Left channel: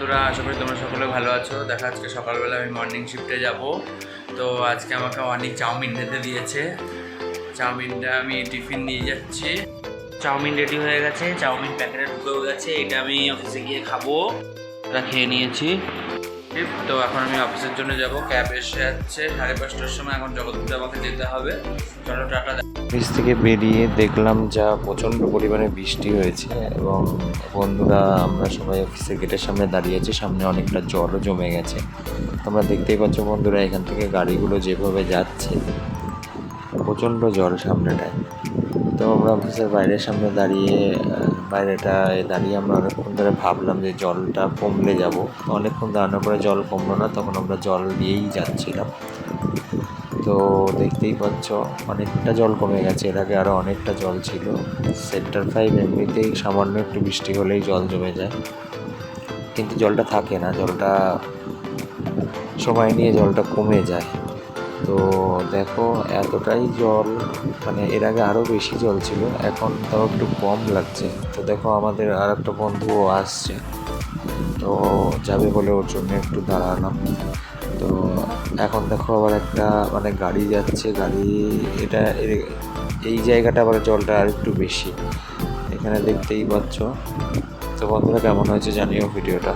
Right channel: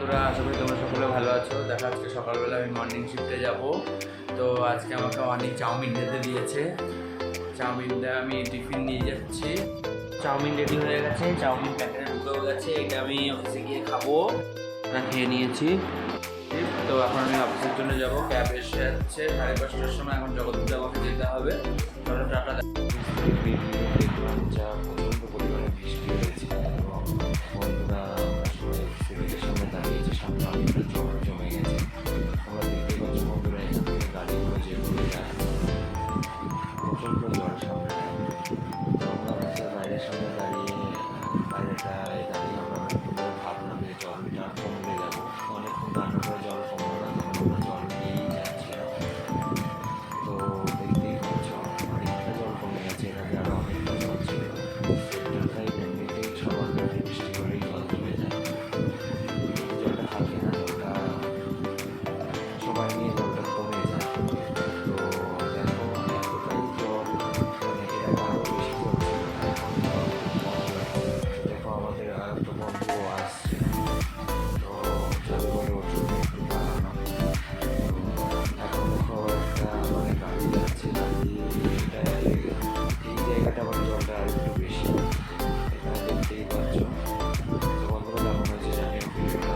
বন্ধুরা, আশা করি তোমরা সকলে ভালো আছো। দেখা আজকে সকালবেলা আমি মর্নিং শিফটে যাব। তো আজকে আমাকে অনেক চাউমিন খেতে দিয়েছে। চাউমিনটা আমি টিফিন নিয়ে যাচ্ছি। চাউমিন রেডি হয়ে গেছে, চাউমিন প্যাকেটে ঢুকেও গেছে। এটা আমি অফিসে গিয়ে খাবো। ওটা খেয়ে নিয়েছি। তো এখন আমি অফিসের জন্য যাব। ক্যাব এসে যাচ্ছে 5:30টার সময়। এখন জগৎপুরে আমাকে যেতে হবে। চলো টাটা। অফিস থেকে বেরিয়ে দেখলাম যা প্রচণ্ড পরিমাণে বৃষ্টি হয়েছে এবং বন্ধুরা আমরা সবাই অফিসের গেটের সামনে দাঁড়িয়েছি। সামনে অনেকটা জলও জমে গেছে। তোমরা দেখতেই পাচ্ছ বন্ধুরা, এখান থেকে গাড়িগুলো যেভাবে যাচ্ছে, প্রচণ্ড জল সামনেটায়। তো আমরা অফিসের বাইরের সামনে দাঁড়িয়ে আমরা অনেকক্ষণ ধরে ভাবলাম যে জলটা কমলে যাব। অনেকক্ষণ দাঁড়ানোর পরে জল কমলো না, তখন আমরা জল দিয়েই যাচ্ছিলাম। তো দেখতেই পাচ্ছ অনেকটা জল কমে গেছে। এর আগে আরও অনেকটা জল ছিল। সেক্টর 5 এমনিতেই সামান্য একটু বৃষ্টি হলেই জল জমে যায়, কিন্তু জলটা থাকে না, জলটা সময় নিয়ে জলটা কমে যায়। তো দেখো এতটাই জল, মানে এর আগে আরও বেশি জল ছিল, এখন তাও একটু কম লাগছে। তো দেখো আমাদের আর একটা বন্ধুও আসছে, তো যাবে বলে ওর জন্য একটু দাঁড়ালাম। তো এখন দেখো আবার একটা গাড়ি যাচ্ছে, এই জায়গাটা আবার জলটা আর একটু বেশি, এখানে দেখতেই পাচ্ছ। তো বন্ধুরা, কেমন হয়েছে জানিও ভিডিওটা।